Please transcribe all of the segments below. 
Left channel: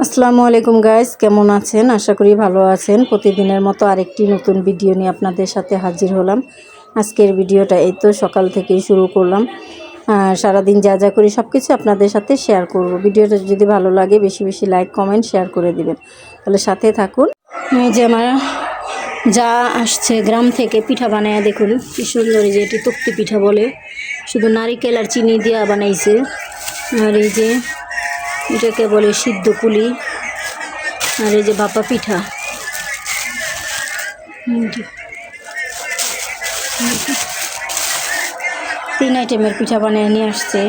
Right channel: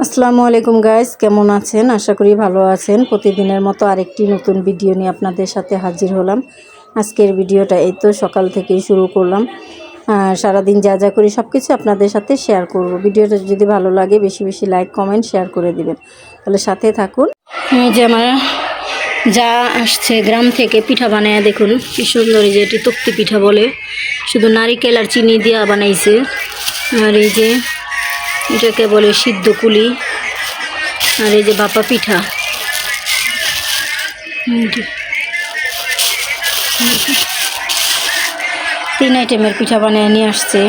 আসসালামু আলাইকুম গাইস কেমন আছেন? আশা করি ভালো আছেন। প্রতিদিনের মতো আরেকটি নতুন ভিডিও নিয়ে আপনাদের সাথে হাজির হলাম। আজকের ভিডিওটা এই তো সকাল থেকেই শুরু করলাম। সারাদিন যা যা করি সব কিছু আপনাদের সাথে শেয়ার করব। ভিডিওটা যদি ভালো লাগে, বেশি বেশি লাইক কমেন্ট শেয়ার করে দিবেন। তাহলে সাথে থাকুন। এই যে আমার যা আসছে, গ্রাম থেকে পিঠা বানায়, দেখুন কি সুন্দর যে এটি তক্তি পিঠা বলে। শুধু নারিকেল আর চিনি দিয়া বানাইছে। আর এই যে এটাকে বলে সিদ্ধ কুলি। আর এই যে বাপা পিঠা। তিন আইটেমের পিঠা বানিয়ে নিয়ে আসছে।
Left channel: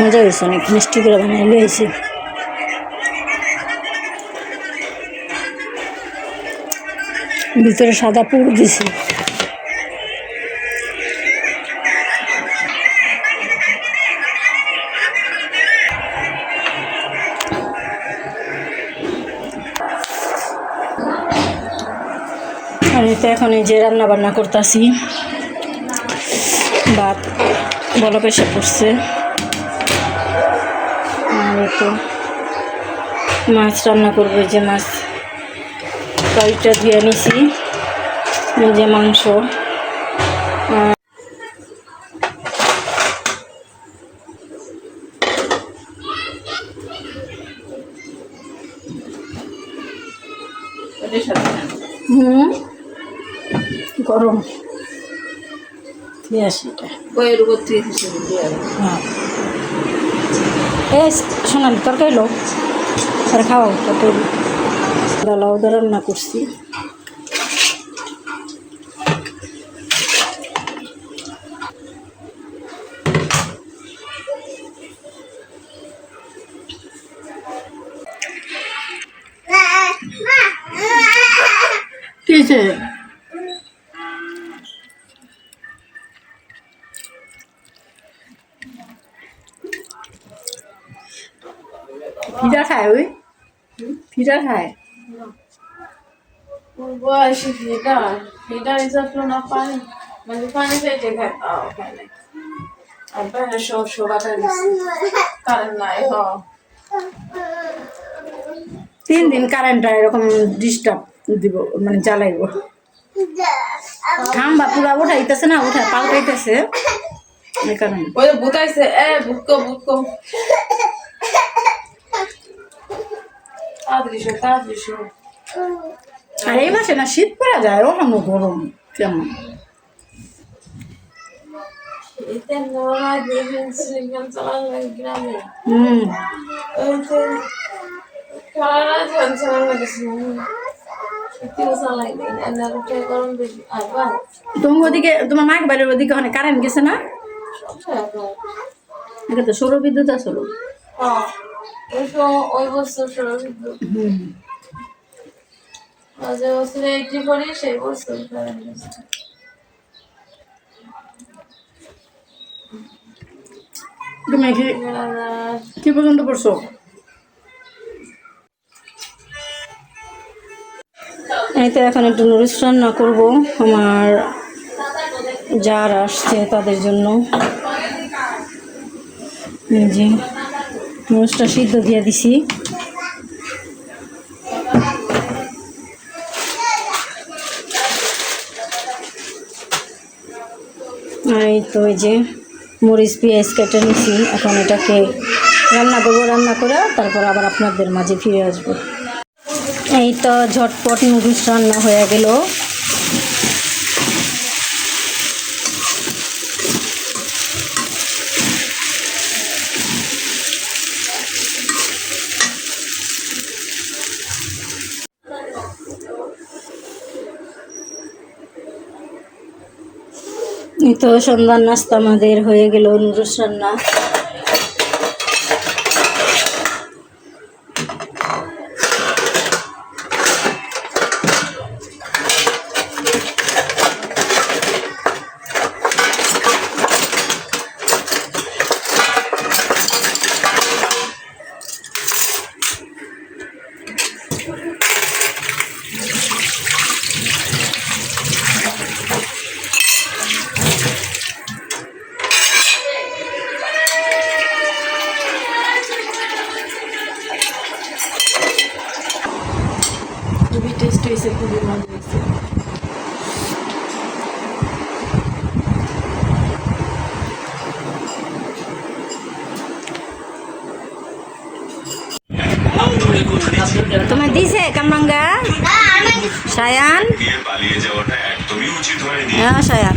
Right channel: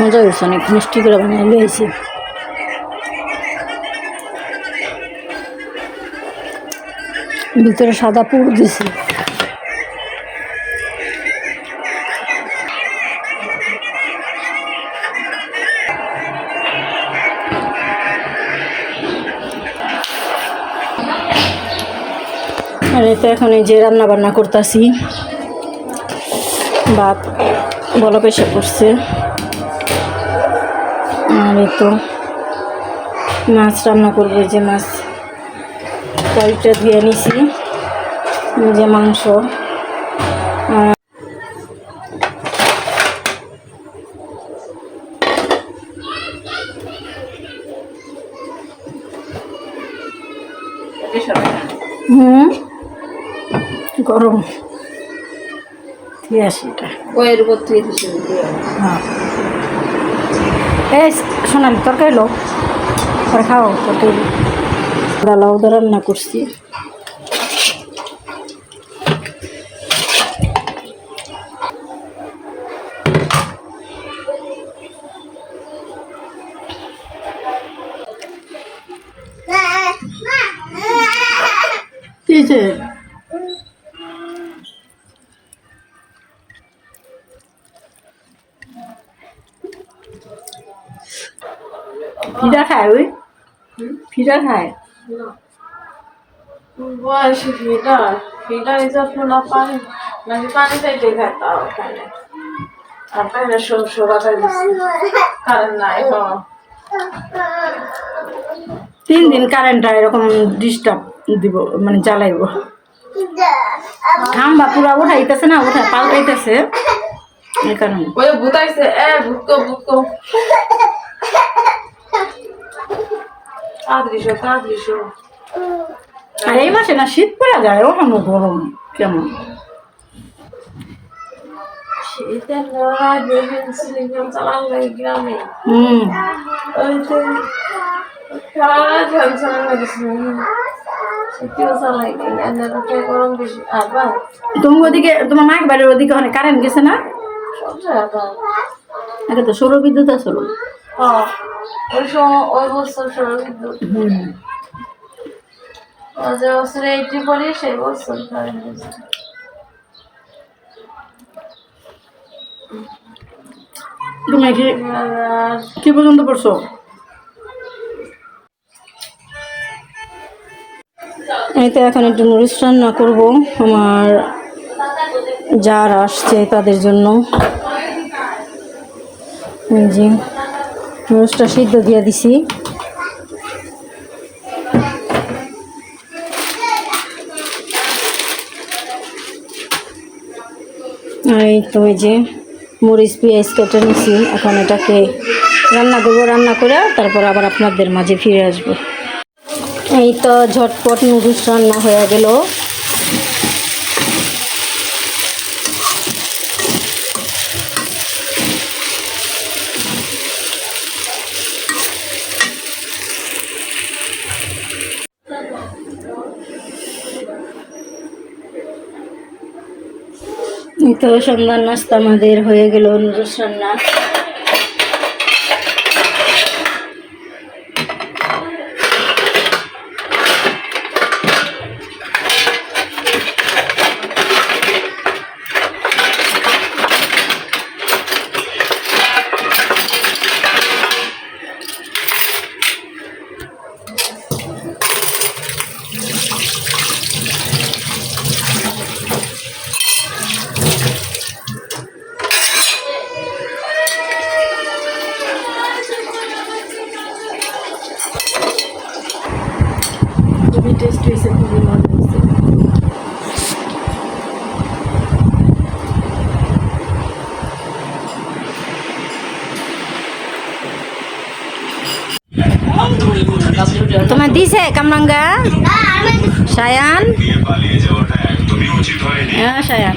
মজা হয়েছে, অনেক মিষ্টি করে বানিয়ে লিয়েছে ভিতরে সাদা পুর দিছি। আর এতে এখন এই যে রান্না বান্না করতেছি। ভাত, বলা পেশা করছে। আর এই তো মাছ রান্না করব যে মাছ। কয়েকটা ধুয়ে নিছি যে মাংস। হুম গরম। দিয়ে আসি এটা। বইয়ের উপর থেকে হ্যাঁ। এই সোনালি তরকারি লো। আর খাও তরকারি। ডালাও দা রান্না করছি কি হয়েছে? পিঠা খায় ওই পিঠা খায় বয়সে ফিটা ফিটা যত্ন না পানি নাকি পানি চাইতে খায় তাও খায় না আর বাইরে সব সবাই কারেন্ট নাই হ। তিন দিন কারেন্টটা এরকম ডিস্টার্ব দিব মানে জ্বালাইব। খাম্বা পুরা উঠাইতেছে না উঠা পাল্টাইতেছে। এই কারণে। ওই ভূতাইছে এ তাড়াতাড়ি তাড়াতাড়ি আর এই মাসে না শীত পড়া যায় ওখানে গরম কেমন? শীতে নড়াই দেখেন সিলিন্ডার চালান লাগে গ্রামে। হুম। ওই তো খেলাটা ঝাল চালান লাগেছে শীতেও চালাই নেই এনারটা গরম বেশি। আবার তুমি ওদিকে তোমার মায়ের বাড়ির ওদিকে ওখানে কারেন্ট গেছে না? আগে তো সৌর বিদ্যুৎ আসলো। ওই সময় ওই বছর যে এইটি সেই তুমি কি কি পর্যন্ত পড়ছো? এই তো এখন একটু নুডলস রান্না করব আমার যার আসছে তাদের জন্য। এই যে। নুডলসটা সিদ্ধ দিয়ে দিছি। আর এই তো এই যে মরিচ, পেঁয়াজ কেটে নিছি। এখন এটাকে রান্না করব, রান্না করে তারপর আবার আপনাদের মাঝে ফিরে আসব। এই তো ঝটপট নুডলস রান্না হয়ে গেল। তো সন্ধ্যার নাস্তা আমাদের হয়ে গেল নুডলস রান্না। খুবই টেস্ট হয়েছে খুবই মজা হয়েছে। তোমার দিছে কামরাঙ্গা? সায়ান? হ্যাঁ সায়ান।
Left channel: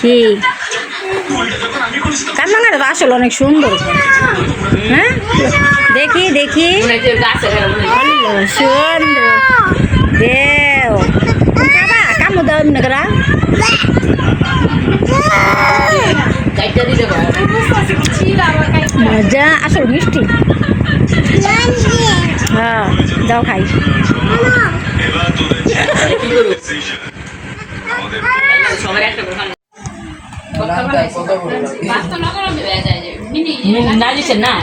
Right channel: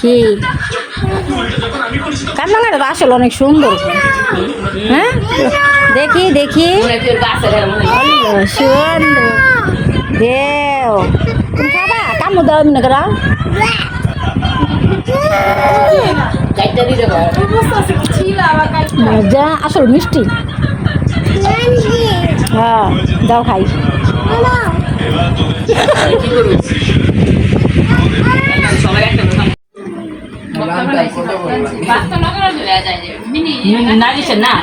কি? কামরাঙ্গাটা তো আসলে অনেক সুন্দর। হ্যাঁ? দেখি দেখি। সুন্দর। দেও। খাবা কামু দাও এমনি করা। মজা আসল মিষ্টি। হ্যাঁ দাও খাই এবার তোদের decision। আমাদের না দিচ্ছে না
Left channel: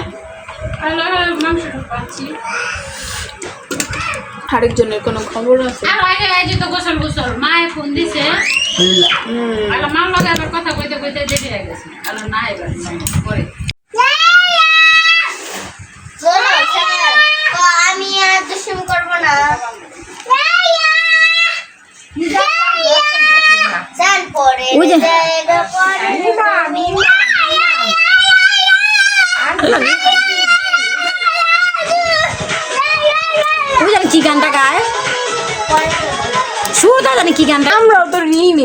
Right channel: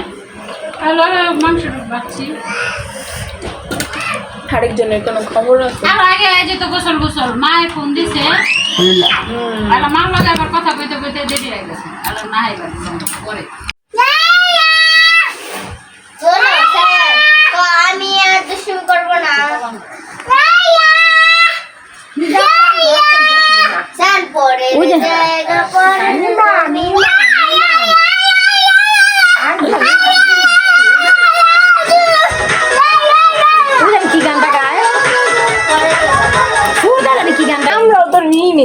আরেকজনের কোনো খবর আছে? আর আগে এই তো গোসল গোসল মায়ে ফোন দিছে। আর মার লগে আবার কথা কইতে কইতে দেরি হয়ে গেছে। আর না এবার পরে।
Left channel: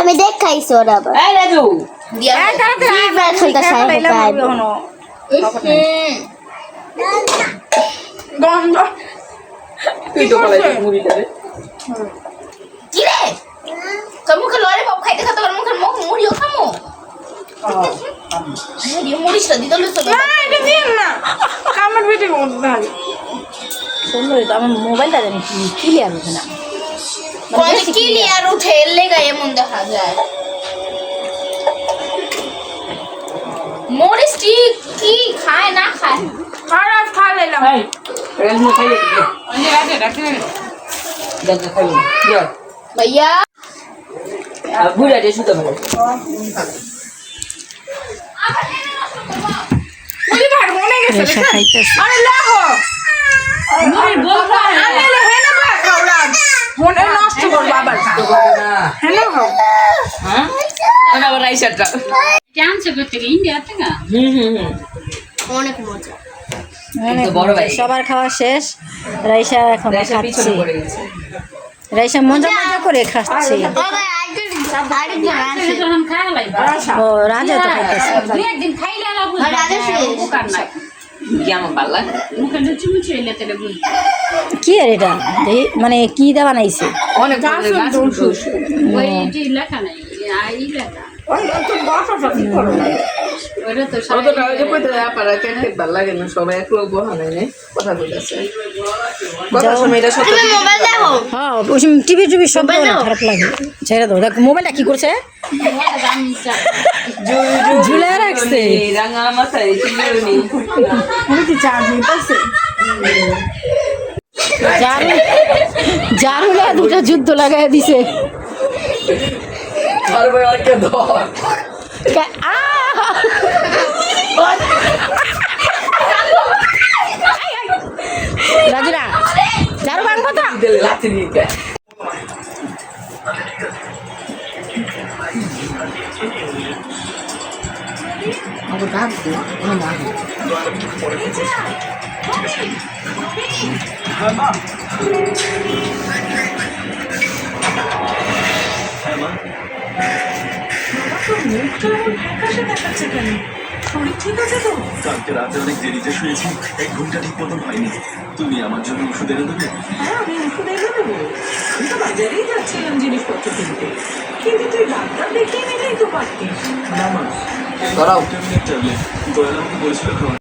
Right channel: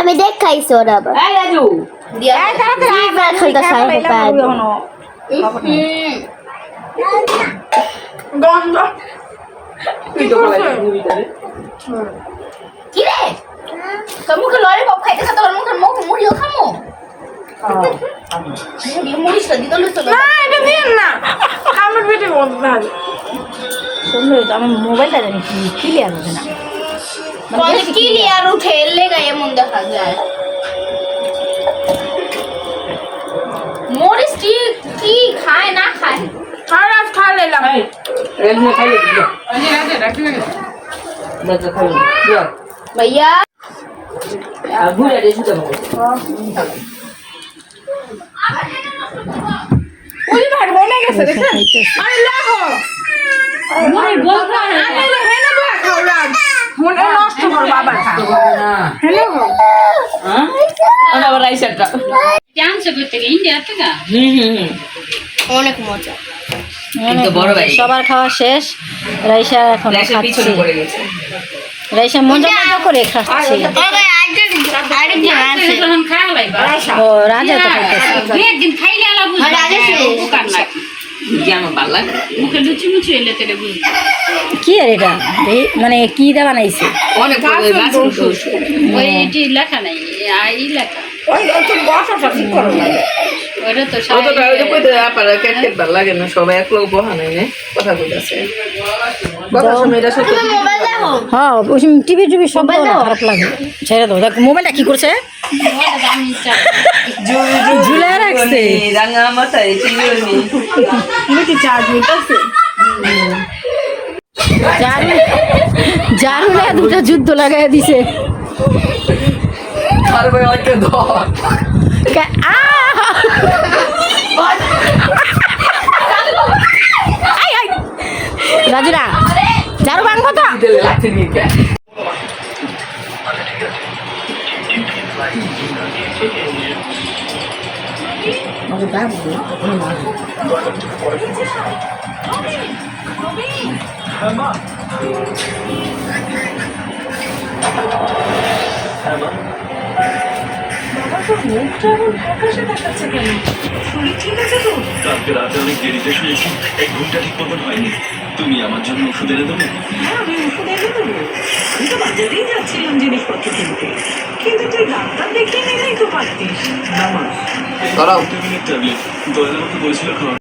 আমি দেখাইছি ওরা আবার। গন্ধ। কি রে? তোর মুখে খাইতে তোর মুখে মুখ মুড়িও খামো। না না আমার মোবাইলটা জানি কি ক্লিয়ার না। মানে কি clear। আর উঠে এলে এমন দেখা যায়। মরিস কি কি খায় না খায়? খারাপ খালে লাগে এই দিও অন্য দিও ভাইয়া? বুড়া দিয়ে শুতে অনেক মজা। সবার খাওয়া শেষ। রাইসা এখন খাচ্ছি। রাইসা মজা মজা করে খাচ্ছি। ও রাজা তো খাইতেছে একদিন খাইলে আলা বুঝবা। আর আগে যে শেষ। উপকার নাকি কি আর এটা? মানে কি দা বানাইছে? লেখা নাই লেখা। ওই একটু বসাটা ঠিক করো ওটা তো অতটা ওই যে কইতে আপনারা কেট কেট ভালো লাগে না সবাই এক লোক বহা নাই কথা কইতাছে। কথা সময় এটা সত্য। মোবাইল দেখো। হ্যাঁ ওই টিভি টিভি সব না খারাপ লাগে। ছেড়ে দাও দেখ মোবাইলটা কি করছে? আমি চা ঝুলে রাখছে। রাঙা মাথায় চিনি কি চার্জ নিতেছে জারু জারুলে দুটো যুদ্ধ লাগাই দিছে। পারবে একটা ধর। কে- আ! রাজুরা জারু ভাঙবো তো দিলে লাথি নিয়ে কে মুখটা প্রকাশে দেখাচ্ছে কেন? শরীর ঠিক আছে তো? কালকে রাতে অনেক দেরিতে শুয়েছি এক ঘুমটা ঠিক মতন হয়নি। তুমি আমার জন্য ওষুধ এনে দেবে? হ্যাঁ আমি ওষুধ এনে দেবো। আমি তো বাজারেই যাচ্ছিলাম জিনিসপত্র কিনতে। কিন্তু তুই ডাক্তার দেখিয়ে নিলেই তো পারতিস। নামাজ দাঁড়াও। তুমি ট্যাবলেট। দয়াল আমাকে বলেছিল খাওয়া